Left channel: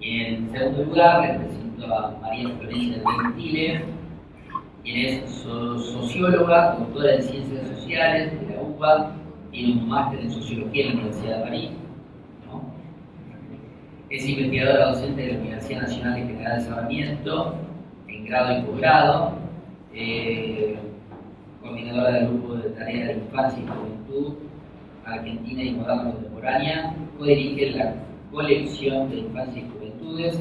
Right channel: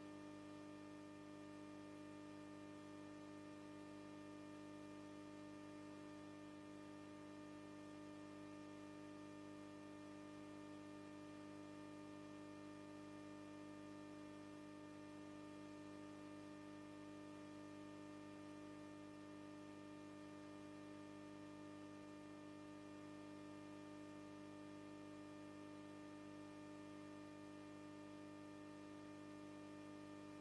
Y en segundo lugar, les presento a María Florencia Gentile, quien es socióloga, doctora en Ciencias Sociales de la UBA, tiene un máster en Sociología en la Universidad de París, ¿no? Es investigadora docente de la Universidad Nacional de General de Sarmiento, en grado y posgrado, coordinadora del grupo de tareas de infancia y juventud Argentina y Moderna Contemporánea, codirige la colección de infancia y juventudes,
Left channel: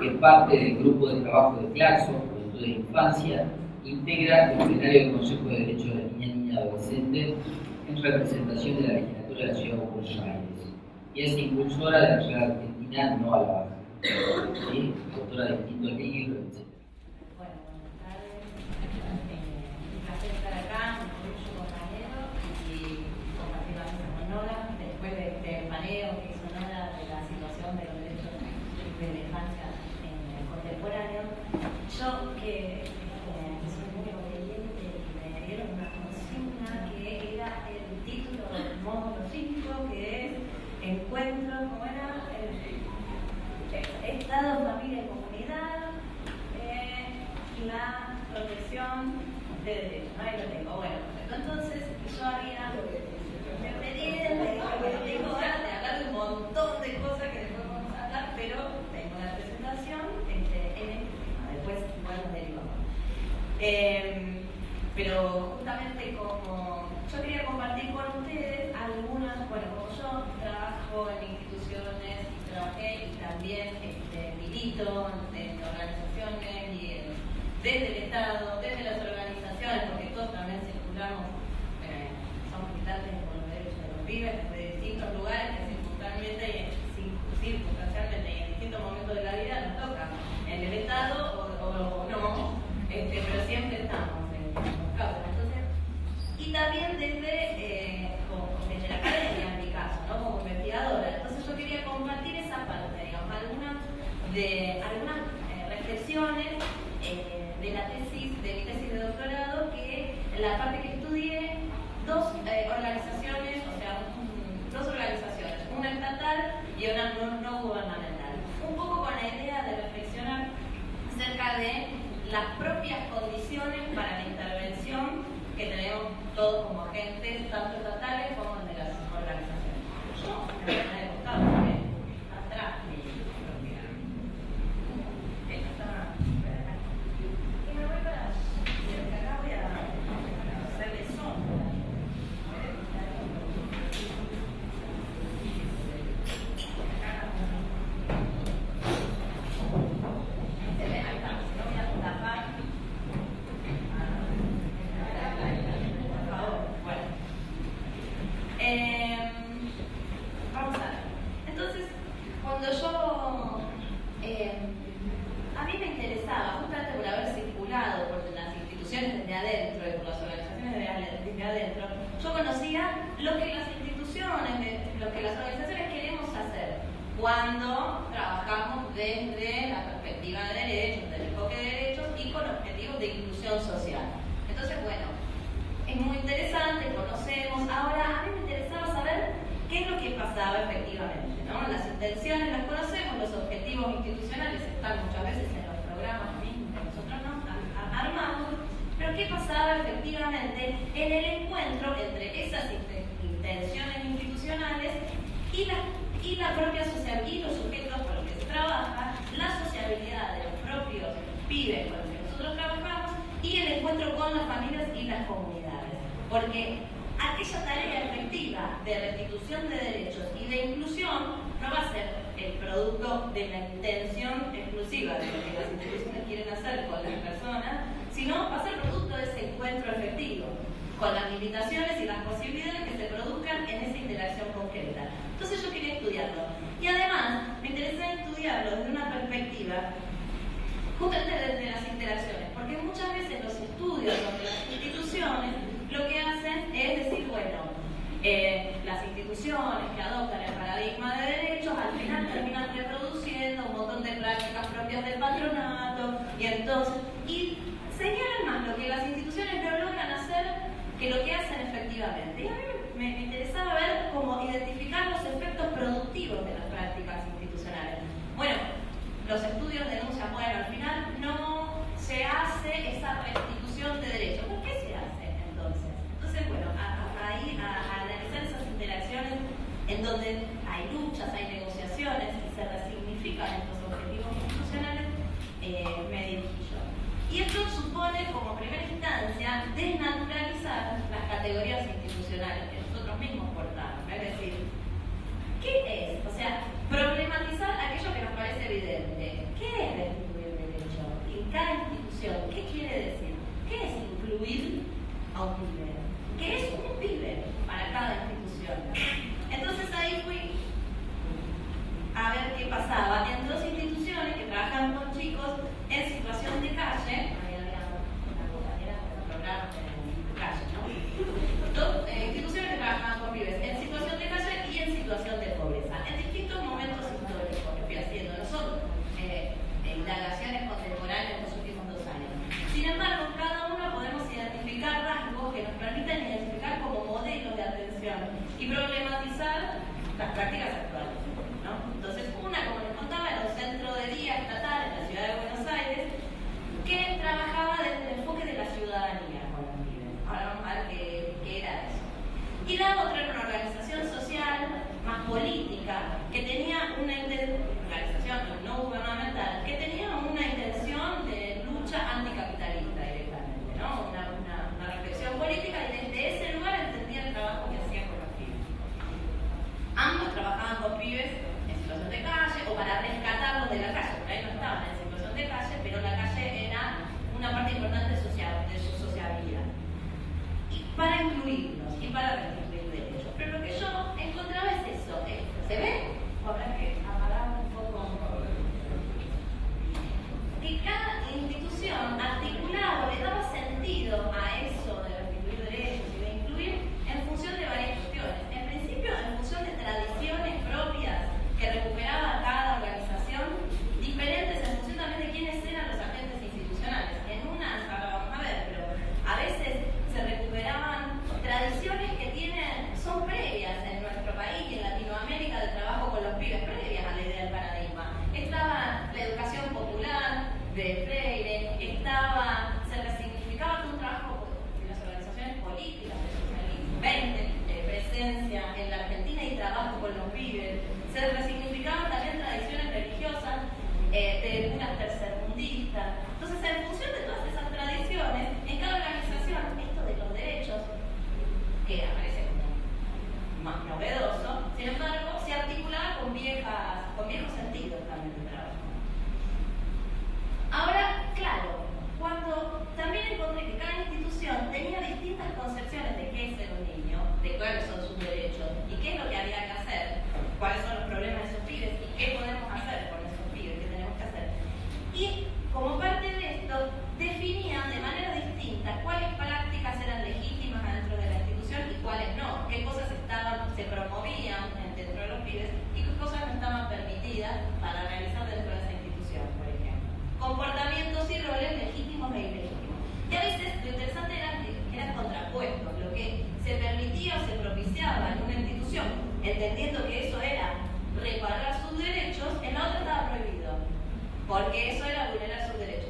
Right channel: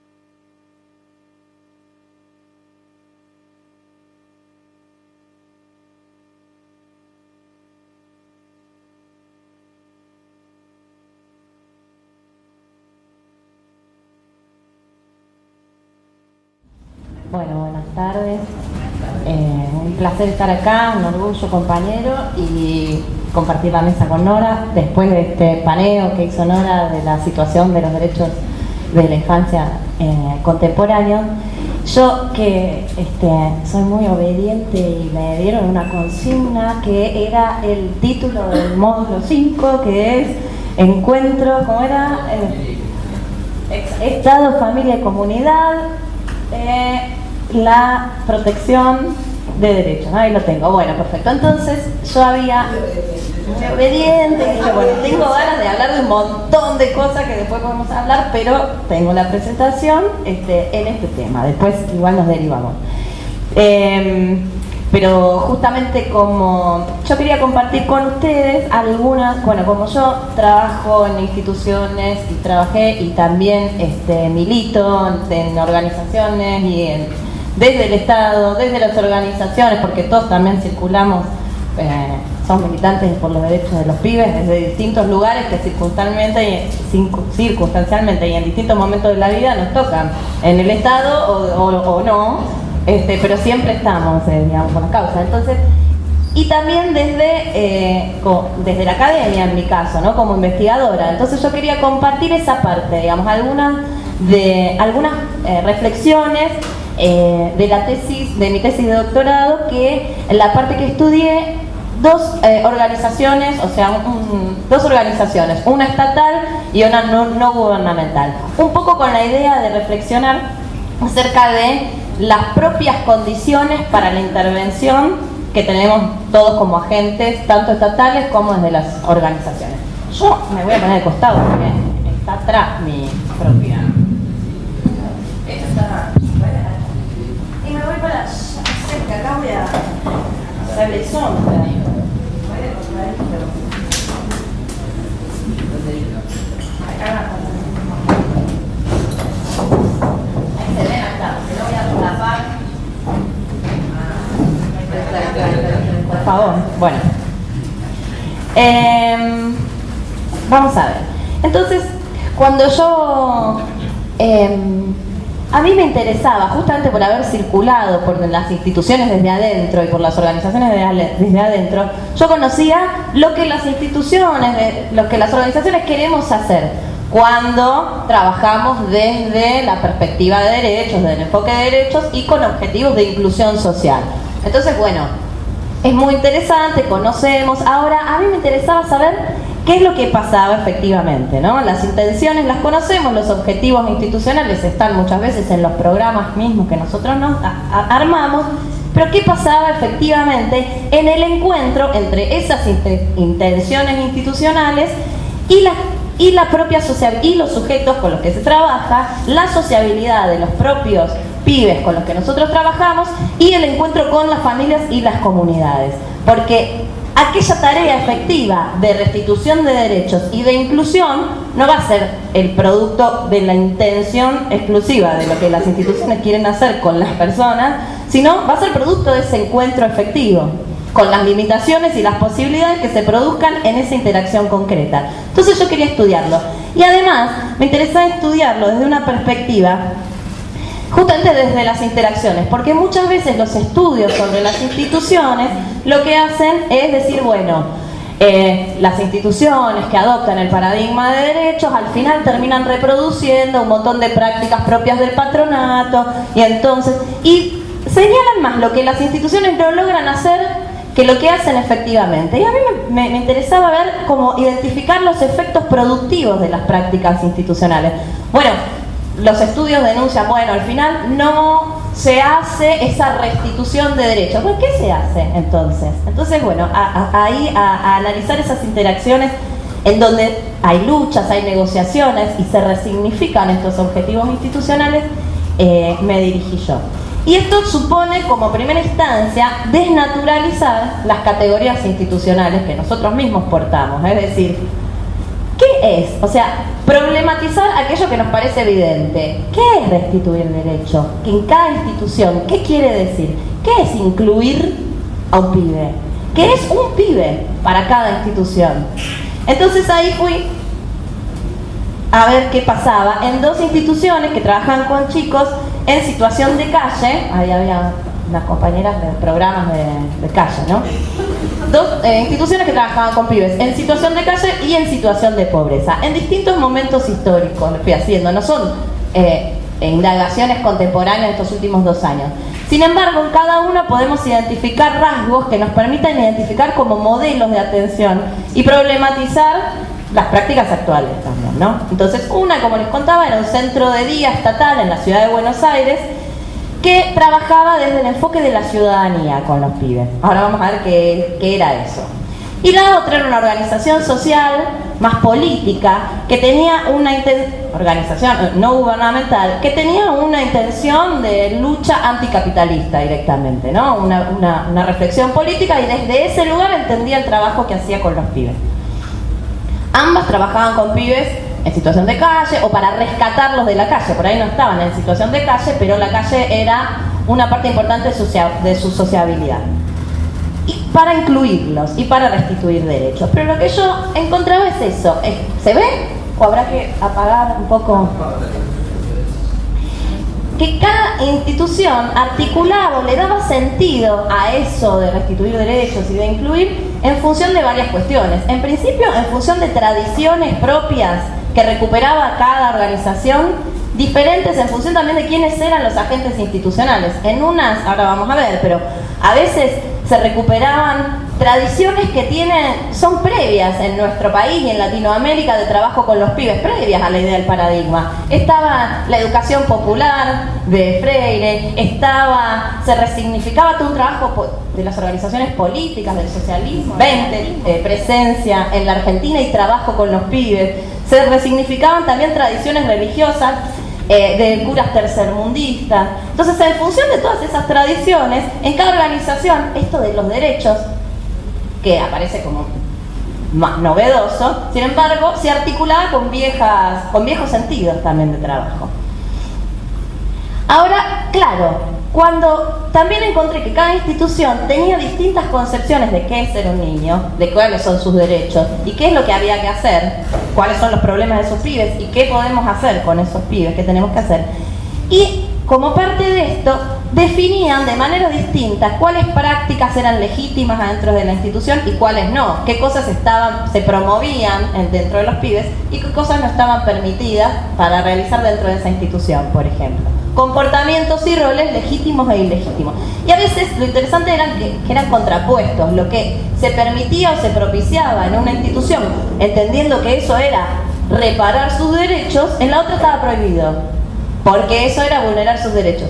que es parte del grupo de trabajo de Claxo, Juventud de Infancia, integra el plenario del Consejo de Derechos de la Niña y Niña Adolescente en representación de la legislatura de la Ciudad de Buenos Aires, y es impulsora de la Sociedad Argentina No a la Baja, ¿sí? Autora de distintos libros, etc. Bueno, buenas tardes. Un placer estar acá, un orgullo, compañero, y compartir la mesa con Nora después de este paneo que hizo Nora de la situación de los derechos de la infancia contemporánea. Yo que soy muy obediente y me dieron una consigna que era el título del módulo 5, que es Encuentro, ¿cómo era? Estado, familia y comunidad, la protección de derechos, ¿no? Ahí lo tengo. Bueno, perfecto. Entonces yo había muy obediente y dije, bueno, tengo ganas de hablar de un montón de cosas que después podemos hablar, pero tengo la presentación en este tema. Después igual nos derivamos. Pero justamente como yo quería compartir con ustedes algunas, bueno, como yo trabajo en instituciones y trabajé y también milito en organizaciones y desde el Estado, desde las organizaciones, porque todos también circulamos, somos militantes por los derechos de los pibes desde distintos lugares que circunstancialmente y en distintos momentos de la vida nos tocan, en el Estado o no. Pero siempre estamos, digamos, con la causa. Entonces, y también desde la academia, en mi caso, ¿no? Como investigadora. Entonces yo quería compartir esa parte, digamos, algunas reflexiones de mi tesis de doctorado, que en la parte que estudié, dos organizaciones, una estatal y una no gubernamental. Un poco con la idea de reflexionar acerca de las propias condiciones para la intervención que tenemos todos como agentes, tanto estatales como desde las organizaciones. Yo me voy a poner de costado porque está atrás mi propia. Esto está. Y me voy para cerca, acá voy a hacerle sombra. Acá abajo. Por favor, bueno. Vamos a ver. Entonces, cuando yo a mí me interesaba, justamente por haber circulado por las instituciones desde adentro y por las organizaciones desde adentro, yo conocía lo que las instituciones, lo que las organizaciones queremos hacer cuando trabajamos desde la perspectiva de derechos, del enfoque de derechos y con objetivos de inclusión social. Entonces, bueno, es muy interesante, conocemos. Ahora, a mí me interesaba saber qué es lo que pasaba efectivamente, ¿no? Las intenciones las conocemos, los objetivos institucionales están muchas veces en los programas mismos que nosotros nos armamos, pero qué pasaba efectivamente en el encuentro entre esas intenciones institucionales y la propia social y los sujetos con los que se trabaja, la sociabilidad de los propios pibes con los que nosotros trabajamos y el encuentro con las familias y las comunidades. Porque aquella tarea efectiva de restitución de derechos y de inclusión no va a ser el producto de la intención exclusiva de lo que las instituciones quieren hacer con las personas, sino va a ser producto de ese encuentro efectivo, con las limitaciones y las posibilidades que se produzcan en esa interacción concreta. Entonces yo quería estudiarlo. Y además me interesaba estudiarlo desde una perspectiva justamente desde las interacciones, porque muchas veces los estudios sobre las instituciones lo que hacen es decir, bueno, las instituciones que adoptan el paradigma de derechos al final terminan reproduciendo un montón de prácticas propias del patronato y señalan más lo que las instituciones no logran hacer que lo que hacen efectivamente. Y a mí me interesaba ver cómo identificar los efectos productivos de las prácticas institucionales. Bueno, los estudios denuncian, bueno, al final no se hace esa restitución de derechos. Bueno, ¿qué se hace entonces? Entonces, bueno, ahí a analizar esas interacciones en donde hay luchas, hay negociaciones y se resignifican estos objetivos institucionales, me dirigí yo. Y esto supone, como primera instancia, desnaturalizar las categorías institucionales que nosotros mismos portamos. Es decir, ¿qué es? O sea, problematizar aquello que nos parece evidente. ¿Qué es restituir derecho? Que en cada institución, ¿qué quiere decir? ¿Qué es incluir a un pibe? ¿Qué es un pibe para cada institución? Entonces ahí fui a ver qué pasaba en dos instituciones que trabajan con chicos en situación de calle. Ahí había unas compañeras de programas de calle, ¿no? Dos instituciones que trabajaban con pibes en situación de calle y en situación de pobreza, en distintos momentos históricos. Lo fui haciendo, no son indagaciones contemporáneas de estos últimos 2 años. Sin embargo, en cada una podemos identificar rasgos que nos permitan identificar como modelos de atención y problematizar las prácticas actuales también, ¿no? Entonces, una, como les contaba, era un centro de día estatal en la ciudad de Buenos Aires que trabajaba desde el enfoque de la ciudadanía con los pibes. Ahora vamos a ver qué era eso. Y la otra era una organización social más política que tenía una organización no gubernamental que tenía una intención de lucha anticapitalista directamente, ¿no? Una reflexión política, y desde ese lugar entendía el trabajo que hacía con los pibes. Ambas trabajaban con pibes en situación de calle o para rescatarlos de la calle. Por ahí no estaban en situación de calle, pero la calle era una parte importante de su sociabilidad. Y para incluirlos y para restituir derechos. Pero lo que yo encontraba es eso. ¿Se ve? ¿O habrá que apagar un poco? Que cada institución articulaba o le daba sentido a eso de restituir derechos y de incluir en función de varias cuestiones. En principio, en función de tradiciones propias que recuperaba cada organización, diferentes en función también de quiénes eran los agentes institucionales. En unas, ahora vamos a ver, pero a veces se recuperaban tradiciones que son previas en nuestro país y en Latinoamérica de trabajo con los pibes, previas a la idea del paradigma. Estaba la educación popular de Freire, se resignificaba todo un trabajo de las organizaciones políticas, del socialismo, 20, presencia en la Argentina y trabajo con los pibes. Se resignificaban también tradiciones religiosas de curas tercermundistas. Entonces, en función de todas esas tradiciones, en cada organización, esto de los derechos, que aparece como más novedoso, sin embargo, se articulaba con viejos sentidos también de trabajo. Ahora, claro, cuando también encontré que cada institución tenía distintas concepciones de qué es ser un niño, de cuáles son sus derechos y qué es lo que había que hacer, cuáles son los problemas de esos pibes y qué podemos hacer con esos pibes, qué tenemos que hacer. Y como parte de esto, definían de manera distinta cuáles prácticas eran legítimas dentro de la institución y cuáles no, qué cosas se promovían dentro de los pibes y qué cosas no estaban permitidas para realizar dentro de esa institución, por ejemplo. Comportamientos y roles legítimos e ilegítimos. Y a veces lo interesante era que eran contrapuestos, lo que se permitía o se propiciaba en una institución, entendiendo que eso era reparar sus derechos, en la otra estaba prohibido, porque eso era vulnerar sus derechos.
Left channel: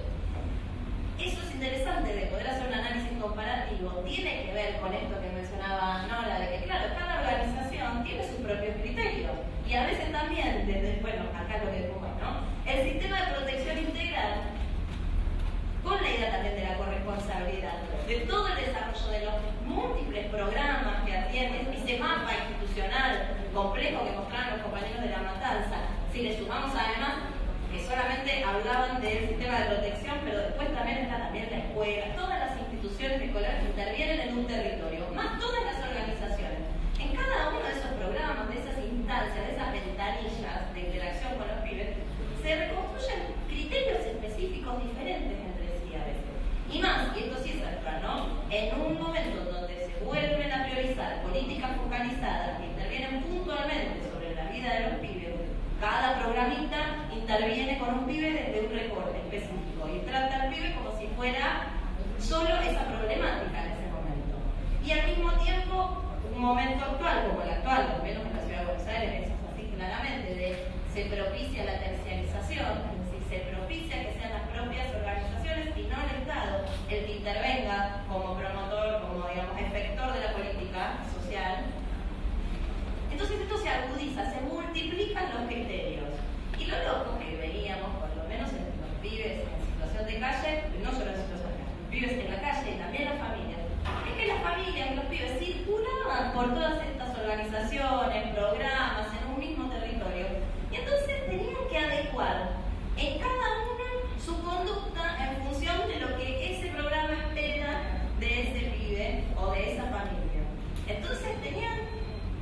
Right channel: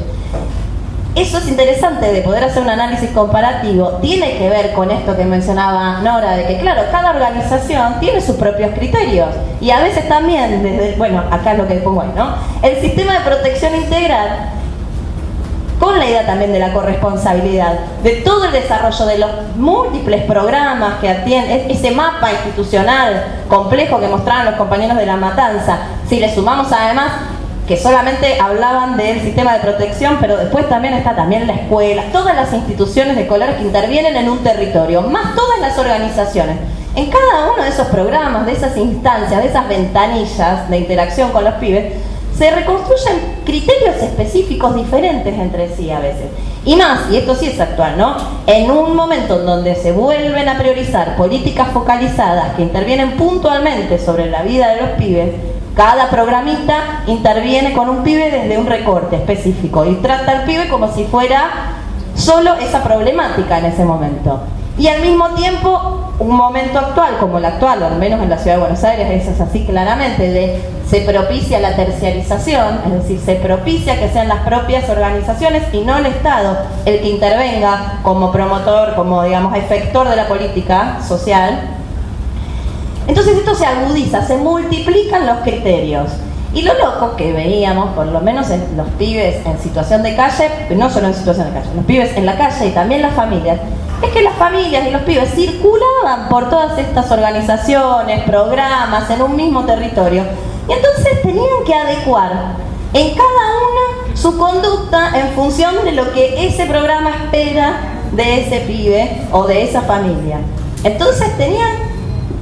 Eso es interesante de poder hacer un análisis comparativo. Tiene que ver con esto que mencionaba Nora, de que claro, cada organización tiene sus propios criterios. Y a veces también, bueno, acá es lo que pongo ahí, ¿no? El sistema de protección integral, con la idea también de la corresponsabilidad, de todo el desarrollo de los múltiples programas que atienden, ese mapa institucional complejo que mostraban los compañeros de La Matanza, si le sumamos además que solamente hablaban del sistema de protección, pero después también está también la escuela, todas las instituciones de colores que intervienen en un territorio, más todas las organizaciones. En cada uno de esos programas, de esas instancias, de esas ventanillas de interacción con los pibes, se reconstruyen criterios específicos diferentes entre sí a veces. Y más, y esto sí es actual, ¿no? En un momento en donde se vuelven a priorizar políticas focalizadas que intervienen puntualmente sobre la vida de los pibes, cada programista interviene con un pibe desde un recorte específico y trata al pibe como si fuera solo esa problemática en ese momento. Y al mismo tiempo un momento actual como el actual, o al menos en la Ciudad de Buenos Aires eso es así claramente, se propicia la terciarización, es decir, se propicia que sean las propias organizaciones y no el Estado el que intervenga como promotor, como digamos efector de la política social. Entonces esto se agudiza, se multiplican los criterios. Y lo loco que veíamos, por lo menos en los pibes en situación de calle, no solo en situación de calle, los pibes en la calle y también las familias, es que las familias y los pibes circulaban por todas estas organizaciones, programas, en un mismo territorio. Y entonces tenían que adecuar en cada una su conducta en función de lo que ese programa espera de ese pibe o de esa familia. Entonces tenían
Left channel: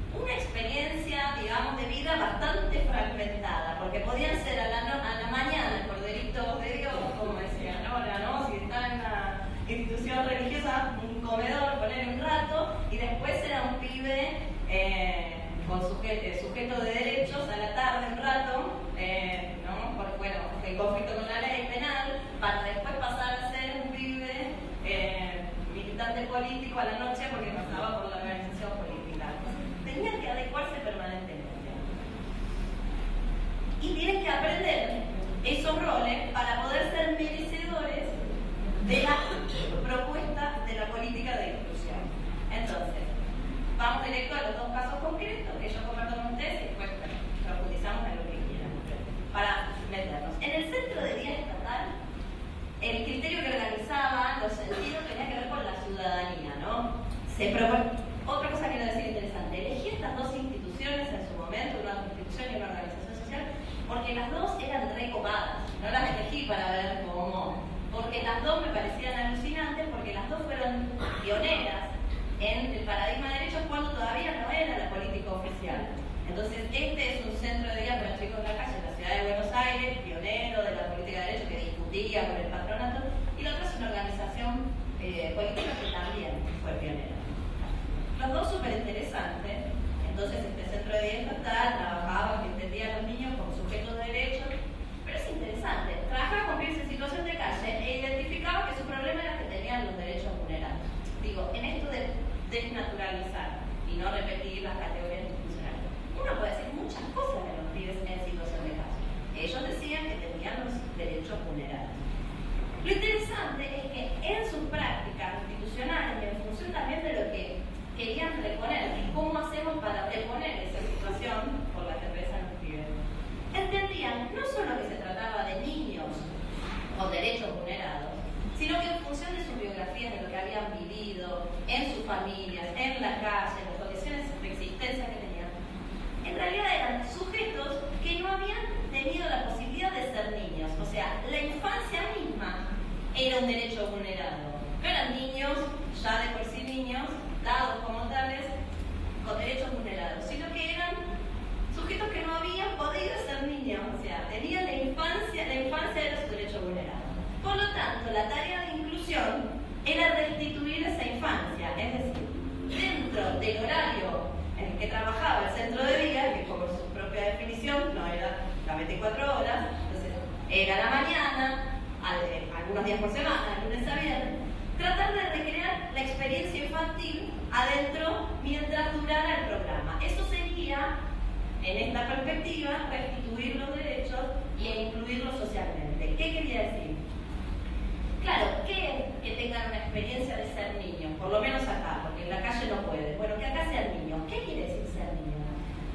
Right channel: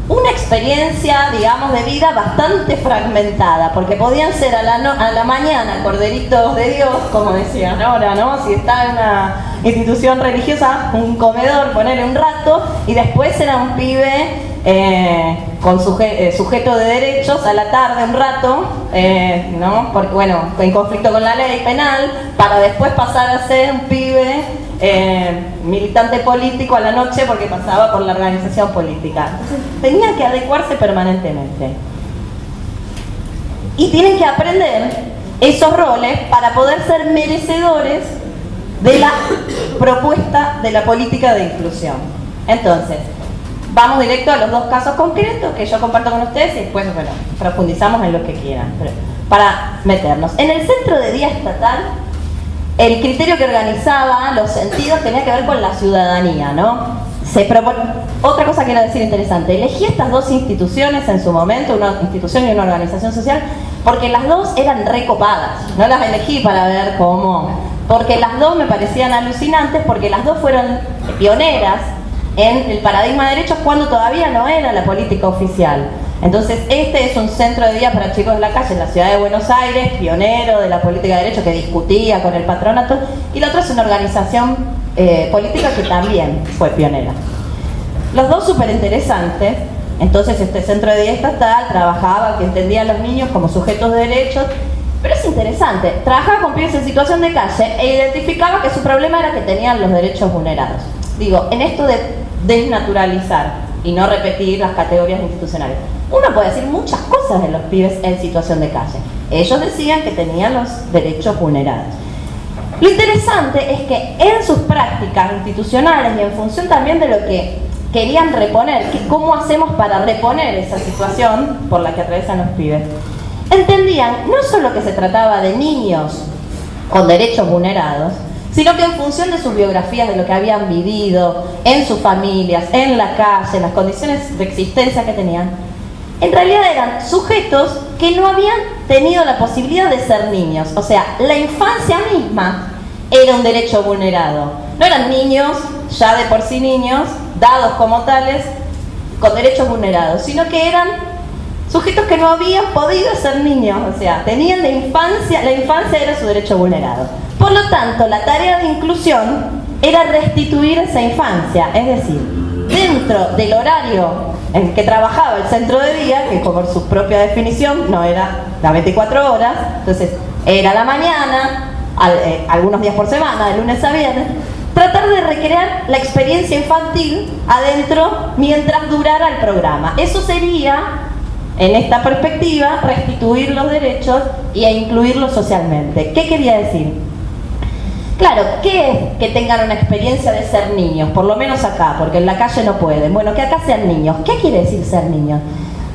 una experiencia, digamos, de vida bastante fragmentada, porque podían ser a la mañana corderitos de Dios, como decían ahora, ¿no? Si está en una institución religiosa, un comedor, ponerle un rato, y después era un pibe con sujeto de derechos a la tarde un rato, ¿no? Porque, bueno, en conflicto con la ley penal, para después pasar a ser un pibe militante político a la noche porque pasaba por la organización política. Entonces tenía que adecuarse permanentemente. Y tienen que aprender esos roles para poder ser merecedores de la propuesta de la política de inclusión. Entonces, vamos directo a los dos casos concretos que yo comparto con ustedes y después, bueno, profundizamos en lo que quieran. Pero para meternos. En el centro de día estatal, el criterio que organizaba los sentidos tenía que ver con la ciudadanía, ¿no? Otra cosa que quiero decir interesante, elegí estas dos instituciones en su momento, una institución y una organización social, porque las dos eran recopadas. No las elegí para ver cómo, porque las dos me parecían alucinantes, porque las dos fueron pioneras en el paradigma de derechos cuando todavía no era la política oficial. Entonces, este es un centro de día para chicos de la calle en la ciudad de Buenos Aires, pionero de la política de derechos que discutía con el patronato, y la otra es una organización política que también fue pionera. Los dos súper interesantes. Entonces, este centro de día estatal trabajaba, que entendía a los niños como sujetos de derechos, pero es interesante, trabajaba con pibes en situación de calle e identificaba que su problema era que tenían los derechos vulnerados. Digo, en esto de desnaturalizar y no repetir las categorías institucionales. Uno puede decir muchas cosas de los pibes en situación de calle. Ellos decían que tenían los derechos vulnerados. Lo interesante es que en sus prácticas institucionales y en función también de lo que querían reponer, que cómo hacemos para reponer esa situación por la que atraviesan los pibes, entendían no solo que se trataba de niños con derechos vulnerados, sino que en función de sus biografías, de lo que habían vivido, en sus familias, en la calle, en las condiciones de existencia que tenían, en realidad eran sujetos que no habían tenido la posibilidad de ser niños. O sea, la infancia misma era un derecho vulnerado. No eran niños, ya de por sí niños, dados como tales, con derechos vulnerados, sino que eran sujetos que no habían podido ser niños, o sea, tenían la infancia era su derecho vulnerado. Por lo tanto, la tarea de inclusión era restituir esa infancia, es decir, dentro del horario en que trabajaba el centro de día, que por su propia definición no era las 24 horas, entonces era la mañana, algunos días por semana, de lunes a viernes, tratar de recrear la experiencia infantil adentro mientras durara el programa. Eso sería, en esta perspectiva, restituir los derechos e incluirlos socialmente. ¿Qué quería decir? Claro, ¿qué es que tengan una experiencia de ser niños? Por lo menos acá, porque en la calle no pueden. Bueno, que acá sean niños. ¿Qué quiere decir ser niños?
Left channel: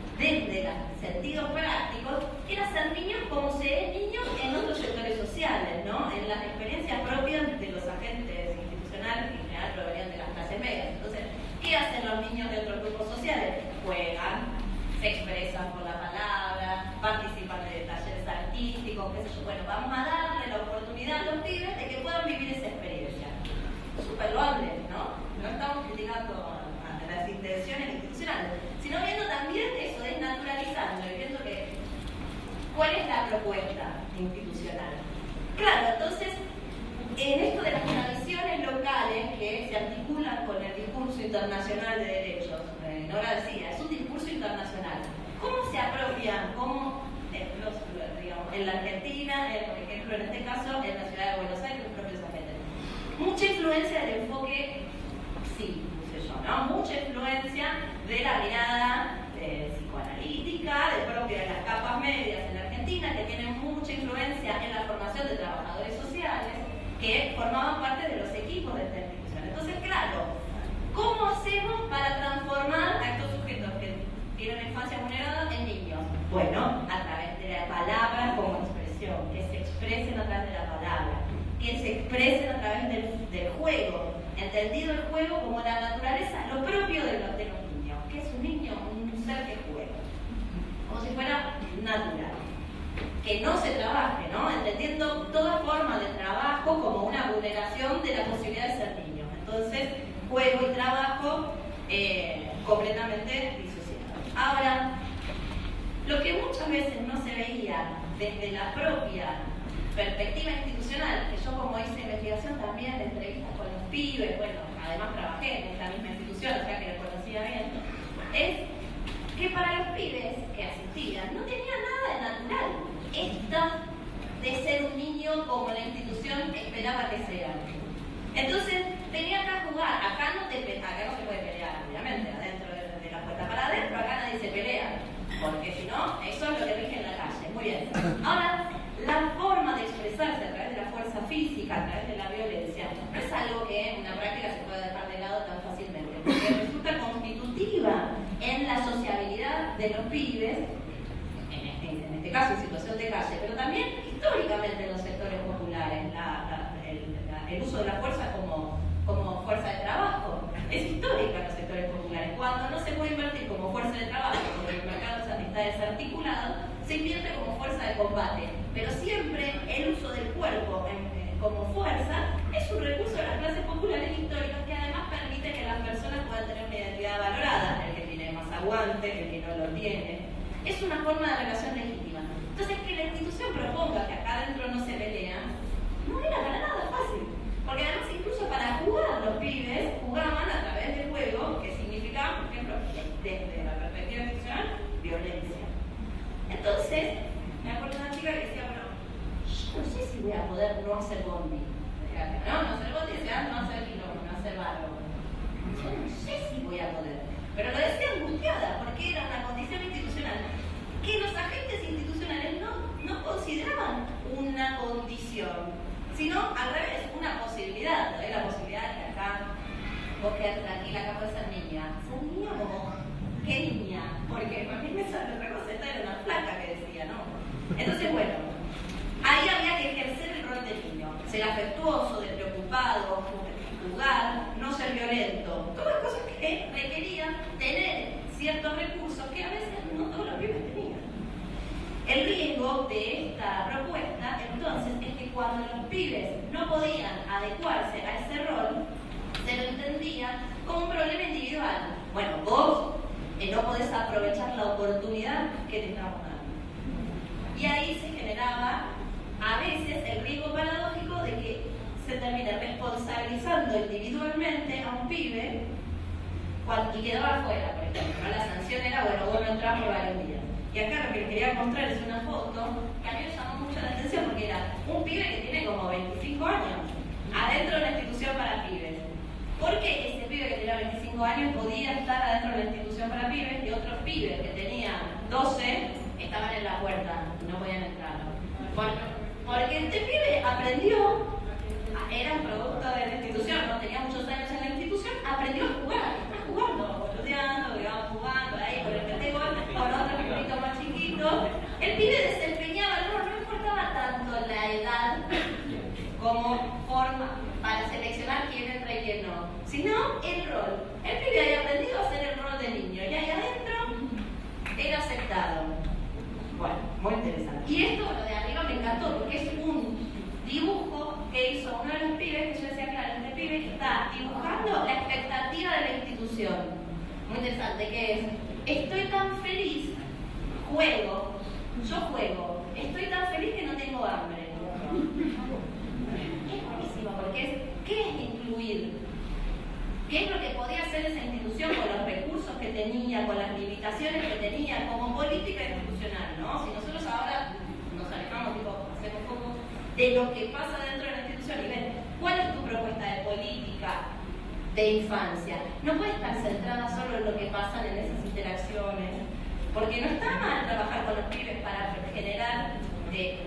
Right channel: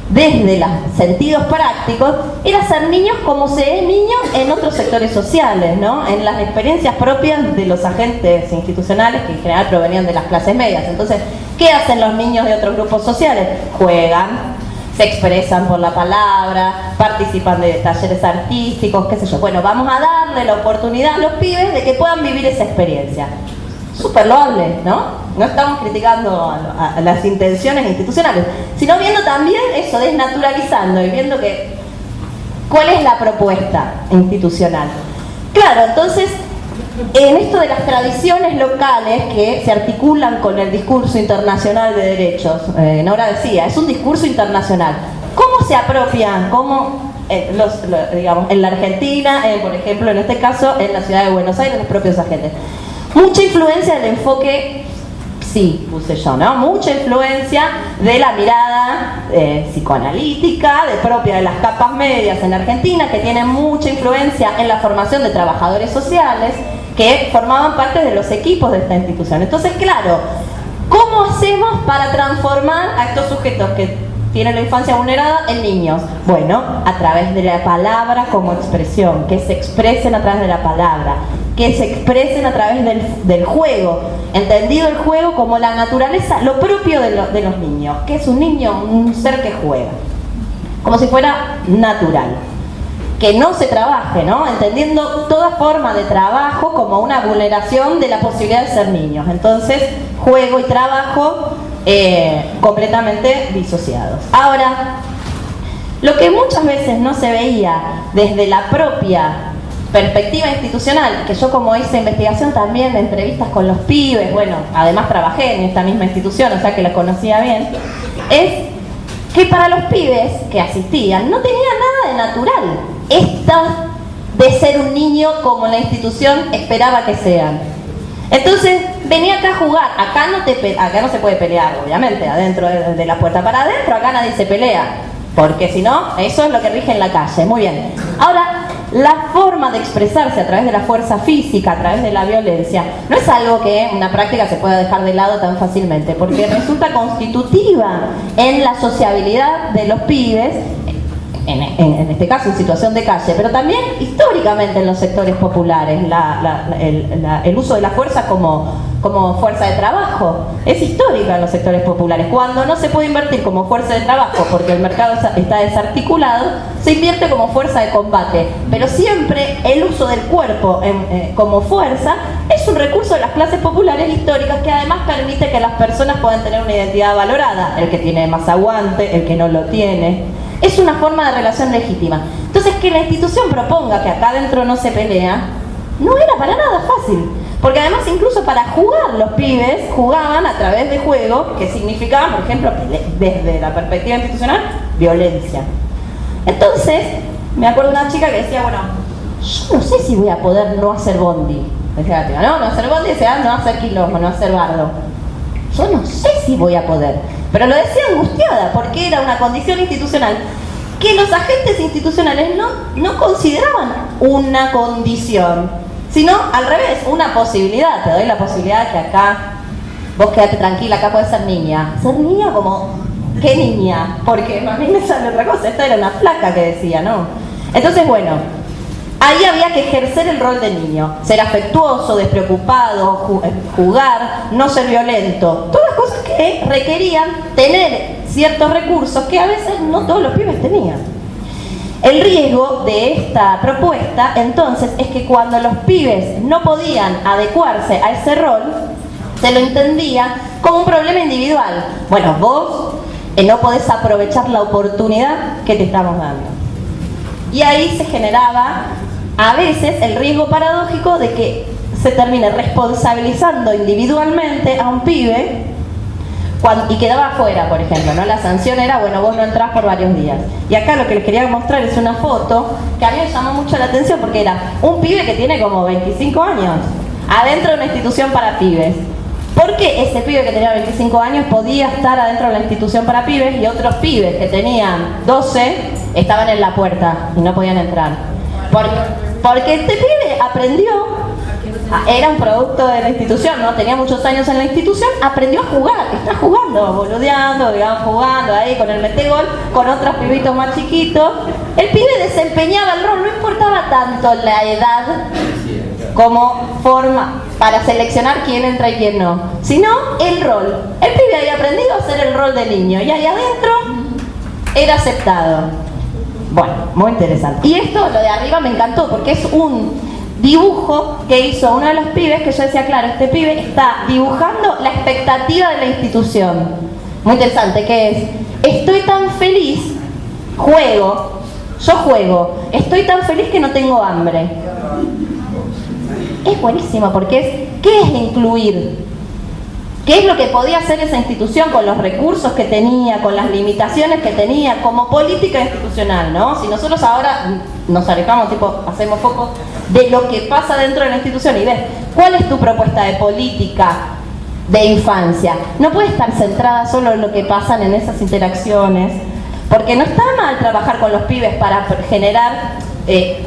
Desde los sentidos prácticos, era ser niños como se es niño en otros sectores sociales, ¿no? En las experiencias propias de los agentes institucionales que en general provenían de las clases medias. Entonces, ¿qué hacen los niños de otros grupos sociales? Juegan, se expresan por la palabra, participan de talleres artísticos, qué sé yo. Bueno, vamos a darle la oportunidad a los pibes de que puedan vivir esa experiencia. Súper loable, ¿no? No estamos criticando a las intenciones institucionales, sino viendo también eso, desnaturalizando y viendo cuál es la propuesta institucional. Claro, entonces, en esto de las tradiciones locales que se articulan con el discurso internacional de derechos, Nora decía, es un discurso internacional. ¿Cómo se apropian? ¿Cómo, digamos, en la Argentina, por ejemplo, en este caso, en la ciudad de Buenos Aires, los propios agentes? Mucha influencia del enfoque sí, puse yo, ¿no? Mucha influencia de la mirada psicoanalítica, propia de las capas medias en Argentina, que tienen mucha influencia en la formación de trabajadores sociales que formaban parte de los equipos de esta institución. Entonces, claro, ¿cómo hacemos para transformar a estos sujetos que tienen la infancia vulnerada en niños? Bueno, a través de la palabra como expresión, que se expresen a través de la palabra, que se expresen a través del juego, entendido el juego como la naturaleza, lo propio de los niños. ¿Qué es un niño? Un ser que juega, como si fuera natural. Que no se trabaje, ¿no? Entendiendo toda forma de trabajo como una vulneración de la posibilidad de ser niños. Entonces, juego y trabajo completamente disociados. Ahora, lo que muchas veces no se veía desde la propia perspectiva institucional, que yo como hice investigación también de entrevistas con los pibes, bueno, además trabajé en esta misma institución, o sea que la conocía bien, es que para los pibes que asistían no tenía nada de natural esta de ser un niño como la institución esperaba que sean. Entonces, venía acá a jugar, acá no se puede pelear, obviamente, adentro de la puerta para adentro, acá nadie se pelea, porque si no, eso es lo que rige en la calle, muy bien. Ahora, la forma de expresarse a través de la fuerza física, a través de la violencia, no es algo que una práctica se pueda dejar de lado tan fácilmente, porque resulta constitutiva en la sociabilidad de los pibes, en este caso en situación de calle, pero también históricamente en los sectores populares, el uso de la fuerza como fuerza de trabajo es histórica en los sectores populares. Cuando no se puede invertir como fuerza de trabajo porque el mercado está desarticulado, se invierte como fuerza de combate, pero siempre el uso del cuerpo como fuerza es un recurso de las clases populares históricas que además permite que las personas puedan tener una identidad valorada, el que tiene más aguante, el que no lo tiene. Es una forma de relación legítima. Entonces, que la institución proponga que acá adentro no se pelea, no era para nada fácil. Porque además, incluso para jugar, los pibes jugaban a través de juegos que significaban, por ejemplo, desde la perspectiva institucional, violencia. Entonces, me acuerdo de una chica que decía, bueno, yo no sé si voy a poder no hacer bondi. Decía la chica, no hacer bondi, decía, no hacer quilombo, no hacer bardo. Yo no sé si voy a poder. Pero lo decía angustiada, porque era una condición institucional que los agentes institucionales no consideraban una condición, sino al revés, una posibilidad. Te doy la posibilidad de que acá, vos quedate tranquila, acá podés ser niña. Ser niña como, ¿qué niña? Porque a mí me sale otra cosa, esta era una flaca que decía, ¿no? Entonces, bueno, ahí había que ejercer el rol de niño, ser afectuoso, despreocupado, jugar, no ser violento, todas cosas que requerían tener ciertos recursos que a veces no todos los pibes tenían. El riesgo de esta propuesta, entonces, es que cuando los pibes no podían adecuarse a ese rol, se lo entendía como un problema individual. Bueno, vos no podés aprovechar la oportunidad que te estamos dando. Y ahí se generaba a veces el riesgo paradójico de que se termine responsabilizando individualmente a un pibe y quedaba afuera, por ejemplo, ¿no? La sanción era, bueno, vos no entrás por varios días. Y acá lo que les quería mostrar es una foto que a mí me llamó mucho la atención porque era un pibe que tiene como 25 años adentro de una institución para pibes. ¿Por qué ese pibe que tenía 25 años podía estar adentro de la institución para pibes y otros pibes que tenían 12 estaban en la puerta y no podían entrar? Porque este pibe aprendió, era un producto de la institución, ¿no? Tenía muchos años en la institución, aprendió a jugar, está jugando, boludeando, digamos, jugando ahí con el metegol, con otros pibitos más chiquitos. El pibe desempeñaba el rol, no importaba tanto la edad como forma para seleccionar quién entra y quién no, sino el rol. El pibe había aprendido a hacer el rol de niño y ahí adentro era aceptado. Bueno, muy interesante. Y esto, lo de arriba, me encantó porque es un dibujo que hizo uno de los pibes que yo decía, claro, este pibe está dibujando la expectativa de la institución. Muy interesante, que es, estoy tan feliz, yo juego, estoy tan feliz que no tengo hambre. Es buenísimo porque es, ¿qué es incluir? ¿Qué es lo que podía hacer esa institución con los recursos que tenía, con las limitaciones que tenía, como política institucional, ¿no? Si nosotros ahora nos alejamos, hacemos foco de lo que pasa dentro de la institución y ves, ¿cuál es tu propuesta de política de infancia. No puede estar centrada solo en lo que pasan en esas interacciones, porque no está mal trabajar con los pibes para generar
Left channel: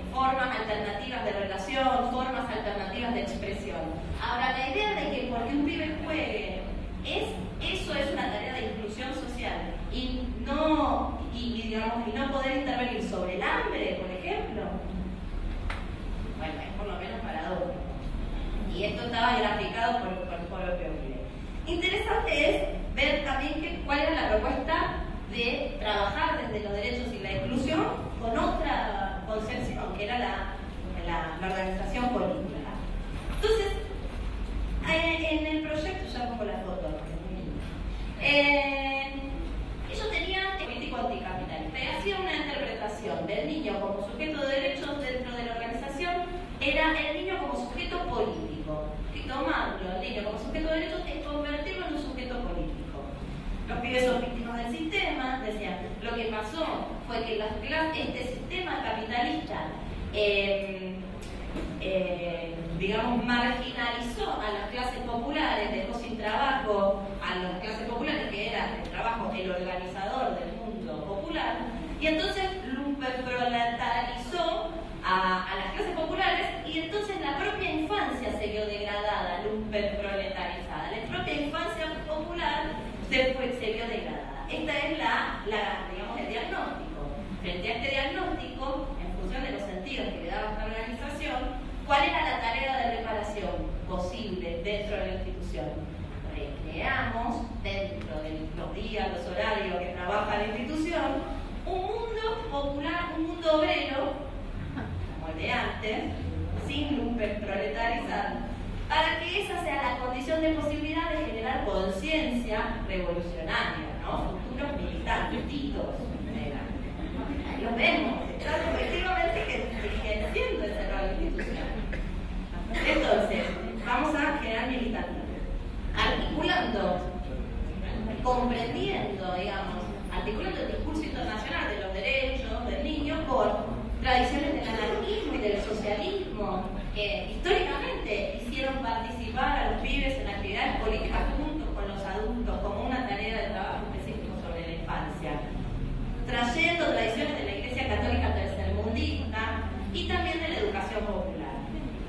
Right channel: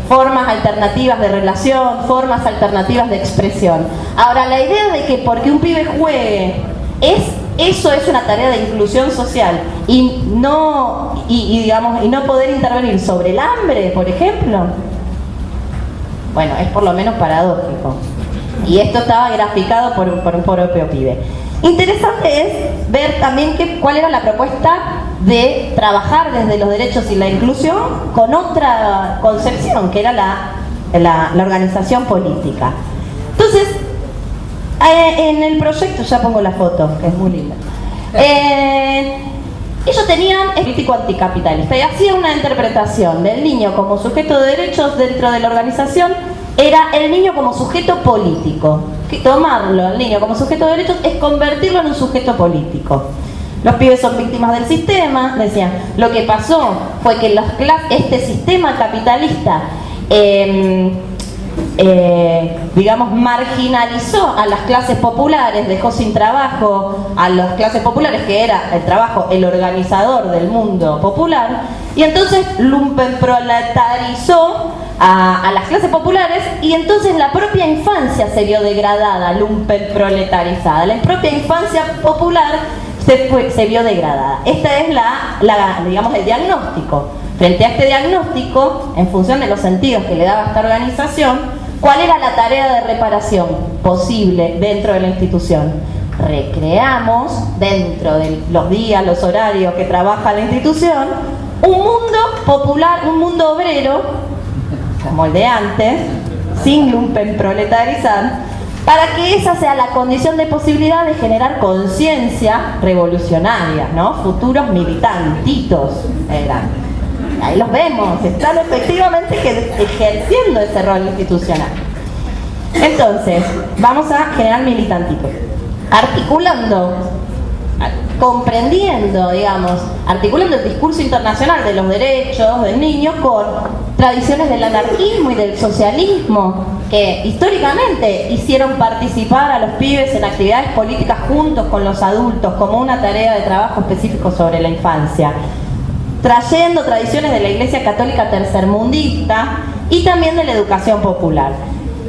formas alternativas de relación, formas alternativas de expresión. Ahora, la idea de que porque un pibe juegue, eso es una tarea de inclusión social y no poder intervenir sobre el hambre, por ejemplo, bueno, es por lo menos paradójico. Y esto estaba graficado por un propio pibe. Interesante es ver también cuál era la propuesta de trabajar desde los derechos y la inclusión con otra concepción, que era la organización política. Entonces, en el proyecto, ya pongo la foto, que es muy linda. Ellos tenían político anticapitalista y hacían una interpretación del niño como sujeto de derechos dentro de la organización. Era el niño como sujeto político. Tomarlo al niño como sujeto de derechos es convertirlo en un sujeto político. Los pibes son víctimas del sistema, decían. Lo que pasó fue que este sistema capitalista marginalizó a las clases populares, dejó sin trabajo a las clases populares, que era el trabajo, el organizador del mundo popular, y entonces lumpenproletarizó a las clases populares, y entonces la propia infancia se vio degradada, lumpenproletarizada. La propia infancia popular se vio degradada. Este es el diagnóstico. Frente a este diagnóstico, en función de los sentidos que le daba esta organización, ¿cuál era la tarea de reparación posible dentro de la institución? Recreamos, dentro de los días, los horarios que trabaja la institución, un mundo popular, un mundo obrero, como el de antes, sin lumpenproletarizar, para que esa sea la condición de posibilidad de generar conciencia revolucionaria, ¿no? Futuros militantitos eran. Ahí los vemos, están efectivamente ejerciendo ese rol institucional. Entonces, vamos a generar militantitos, articulando, comprendiendo, articulando el discurso internacional de los derechos del niño con tradiciones del anarquismo y del socialismo, que históricamente hicieron participar a los pibes en actividades políticas juntos con los adultos, como una tarea de trabajo específico sobre la infancia, trayendo tradiciones de la Iglesia Católica tercermundista y también de la educación popular.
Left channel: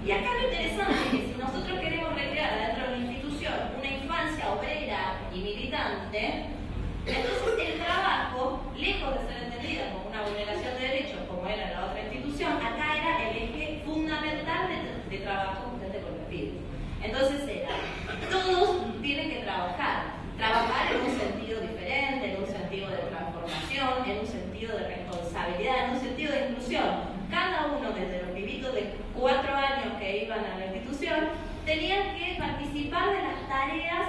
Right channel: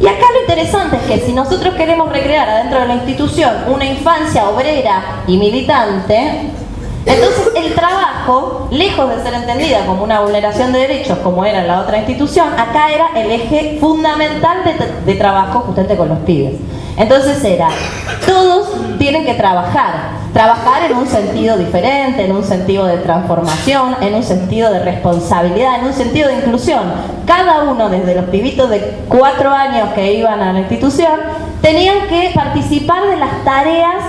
Y acá lo interesante es que si nosotros queremos recrear adentro de la institución una infancia obrera y militante, entonces el trabajo, lejos de ser entendida como una vulneración de derechos como era en la otra institución, acá era el eje fundamental de trabajo justamente con los pibes. Entonces todos tienen que trabajar en un sentido diferente, en un sentido de transformación, en un sentido de responsabilidad, en un sentido de inclusión. Cada uno, desde los pibitos de 4 años que iban a la institución, tenían que participar de las tareas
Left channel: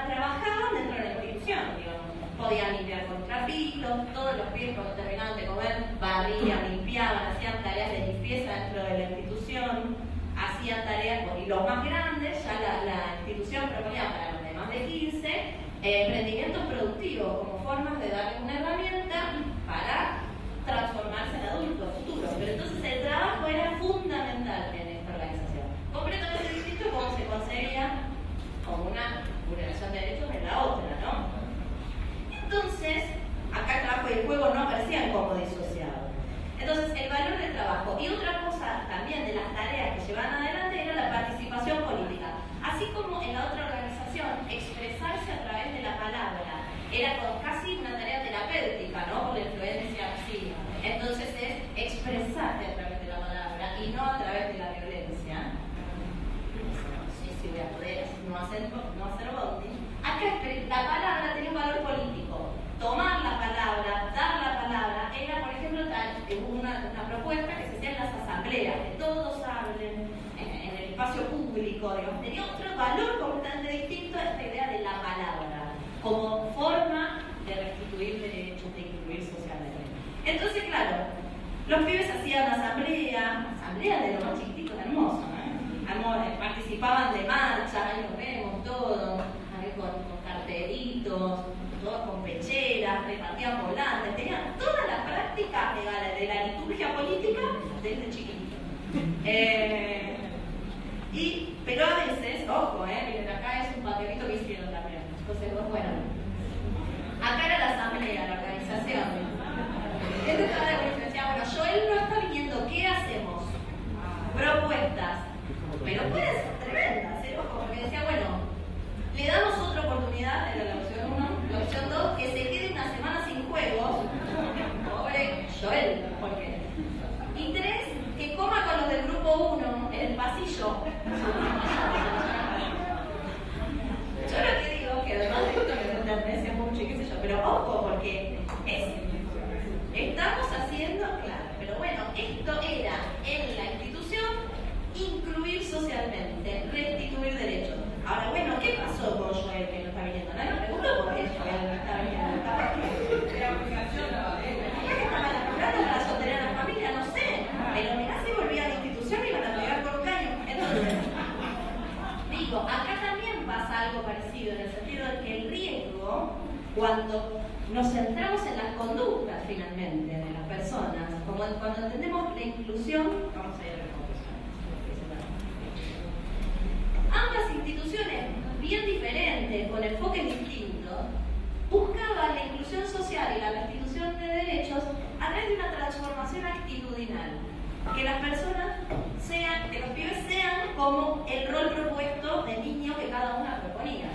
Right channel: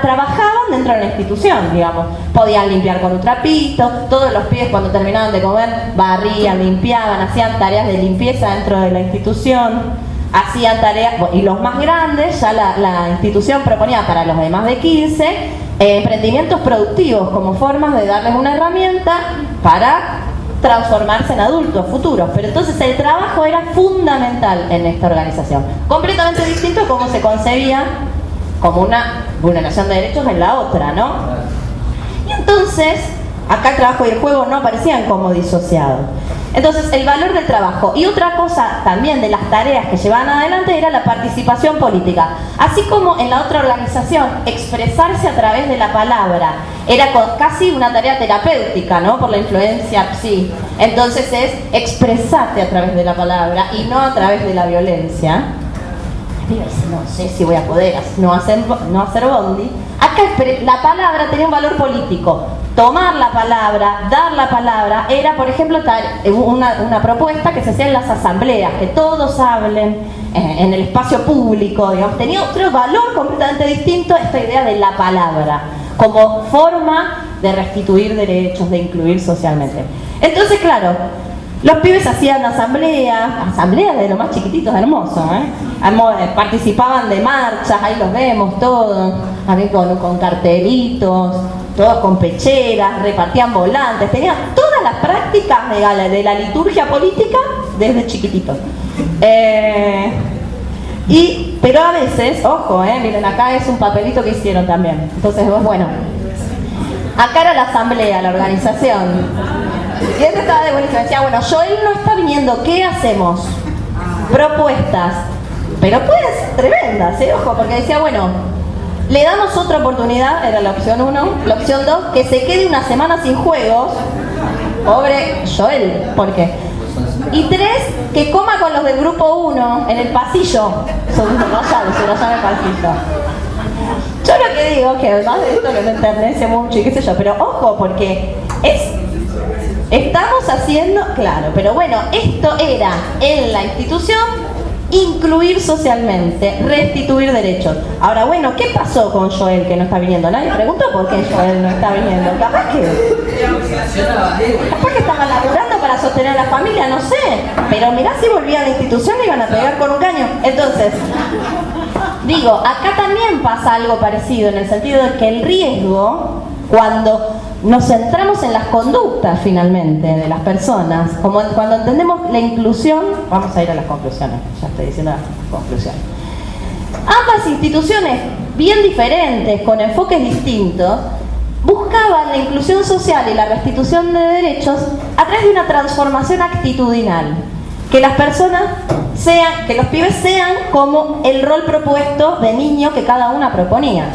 trabajaban dentro de la institución, podían limpiar con un trapito, todos los pibes cuando terminaban de comer barrían, limpiaban, hacían tareas de limpieza dentro de la institución. Hacían tareas, y los más grandes, ya la institución proponía para los de más de 15 emprendimientos productivos como formas de darles una herramienta para transformarse en adultos futuros. Pero entonces el trabajo era fundamental en esta organización, completamente distinto a cómo se concebía como una vulneración de derechos en la otra, ¿no? Y entonces, acá el trabajo y el juego no aparecían como disociados. Entonces, el valor del trabajo. Y otra cosa también de las tareas que llevaban adelante era la participación política. Así como en la otra organización, expresarse a través de la palabra era casi una tarea terapéutica, ¿no? Por la influencia psi. Entonces es expresarte a través de la palabra y no a través de la violencia. No sé si voy a poder no hacer bondi. Acá la palabra tenía un valor político. Tomar la palabra, dar la palabra, era, por ejemplo, una propuesta que se hacía en las asambleas, que todos hablen en el espacio público, tenía otro valor completamente distinto a esta idea de la palabra, como forma de restituir derechos, de incluir socialmente. Entonces, claro, los pibes hacían asambleas de lo más chiquititos, hermosos, participaban de marchas, ahí los vemos todos, también con cartelitos, todos con pecheras, repartían volantes, tenían todas las prácticas de la liturgia política desde chiquititos. Pero a veces, ojo, miren, acá es un papelito que hicieron también. Entonces, bueno, acá era la asamblea, la organización. Y esto estaba de buenísimo. Decía, bueno, Joel no está viniendo, ¿qué hacemos? Propuestas. Pero pues tremendas, ojo, porque decía, bueno, le damos otra oportunidad, era la opción 1. La opción 2, que se quede una semana sin juegos. Pobre Joel, ¿por qué? Y 3, que coma con los del grupo 1 en el pasillo. Se lo llama el pasillo. Yo lo que digo es que además de esto que me enternece mucho y qué sé yo, pero ojo, porque estamos haciendo, claro, pero bueno, esto era en la institución incluir socialmente, restituir derechos. Ahora, bueno, ¿qué pasó con Joel que no está viniendo? Nadie preguntó por qué Joel no está viniendo. Capaz que estaba laburando para sostener a la familia, no sé. Pero mirá, si volvía a la institución le iban a pegar con un caño. Entonces, digo, acá también pasa algo parecido, en el sentido de que el riesgo, cuando nos centramos en las conductas finalmente de las personas, como cuando entendemos la inclusión, vamos a ir a las conclusiones, ya estoy diciendo las conclusiones. Ambas instituciones bien diferentes, con enfoques distintos, buscaban la inclusión social y la restitución de derechos a través de una transformación actitudinal. Que las personas sean, que los pibes sean como el rol propuesto de niño que cada una proponía.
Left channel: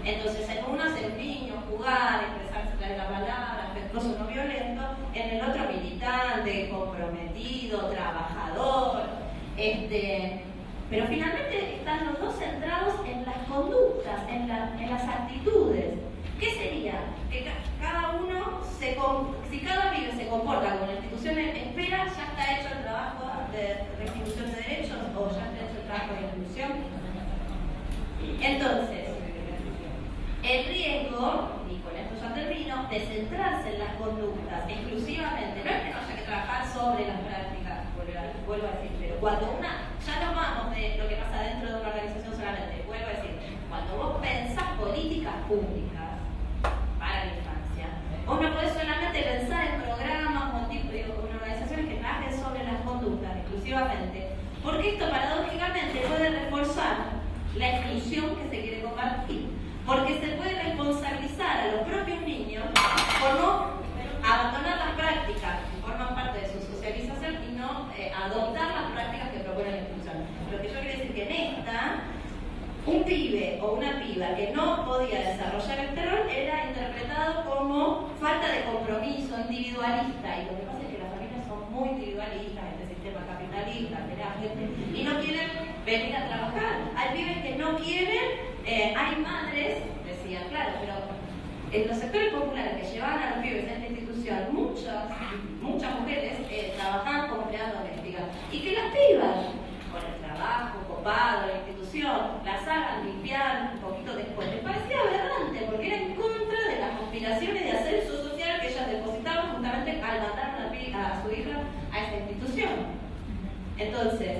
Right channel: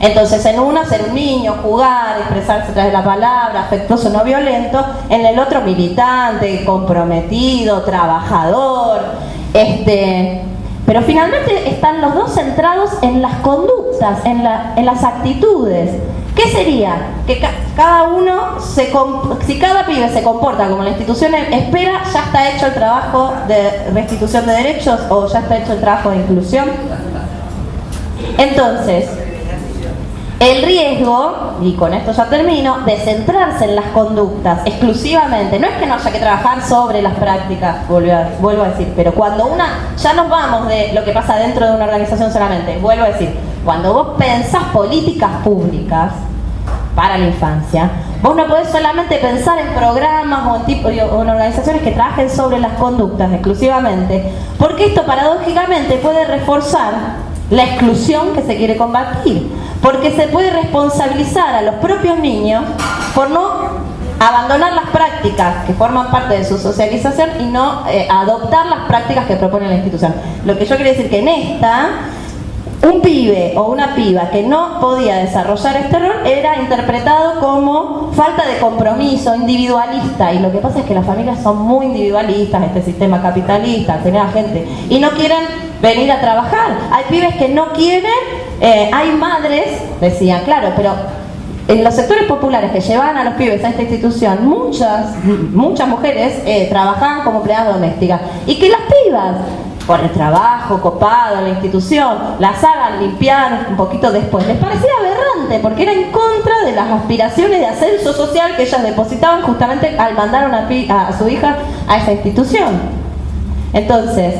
Entonces, en uno ser un niño, jugar, expresarse a través de la palabra, afectuoso, no violento; en el otro militante, comprometido, trabajador. Pero finalmente están los dos centrados en las conductas, en las actitudes. ¿Qué sería? Que cada uno, si cada pibe se comporta como la institución espera, ya está hecho el trabajo de restitución de derechos o ya está hecho el trabajo de inclusión. Entonces, el riesgo, y con esto ya termino, de centrarse en las conductas exclusivamente, no es que no haya que trabajar sobre las prácticas, vuelvo a decir, pero cuando ya nos vamos de lo que pasa dentro de una organización solamente, vuelvo a decir, cuando vos pensás políticas públicas para la infancia, vos no podés solamente pensar en programas o en organizaciones que trabajen sobre las conductas exclusivamente, porque esto paradójicamente puede reforzar la exclusión que se quiere combatir, porque se puede responsabilizar a los propios niños por no abandonar las prácticas que forman parte de su socialización y no adoptar las prácticas que propone la institución. Lo que yo quiero decir que en esta, un pibe o una piba que no podía desarrollar este rol era interpretado como falta de compromiso, individualista, y lo que pasa es que las familias son muy individualistas, este sistema capitalista, genera gente, y no quieren venir a trabajar. Hay pibes que no quieren, hay madres, decían, claro, pero en los sectores populares que llevaban a los pibes a esta institución, muchas mujeres trabajaban como empleadas domésticas, y que las pibas, por el trabajo copado en la institución, las hagan limpiar un poquito después, les parecía aberrante, porque era en contra de las aspiraciones de ascenso social que ellas depositaban justamente al mandar a su hija a esa institución. Entonces,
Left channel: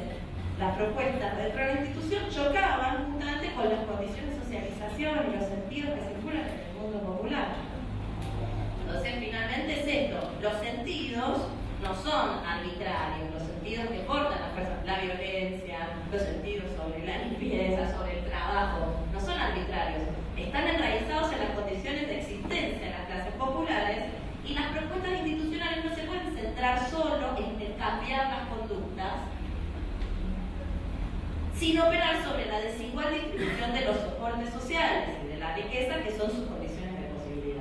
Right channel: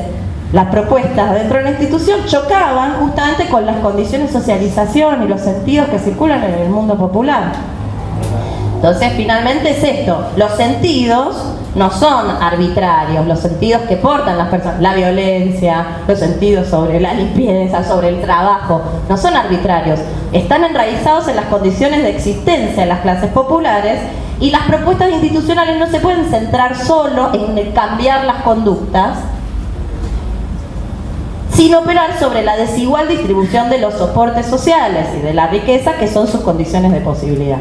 las propuestas dentro de la institución chocaban justamente con las condiciones de socialización y los sentidos que circulan en el mundo popular. Entonces, finalmente es esto, los sentidos no son arbitrarios, los sentidos que portan las personas, la violencia, los sentidos sobre la limpieza, sobre el trabajo, no son arbitrarios, están enraizados en las condiciones de existencia de las clases populares, y las propuestas institucionales no se pueden centrar solo en cambiar las conductas, sin operar sobre la desigual distribución de los soportes sociales y de la riqueza que son sus condiciones de posibilidad.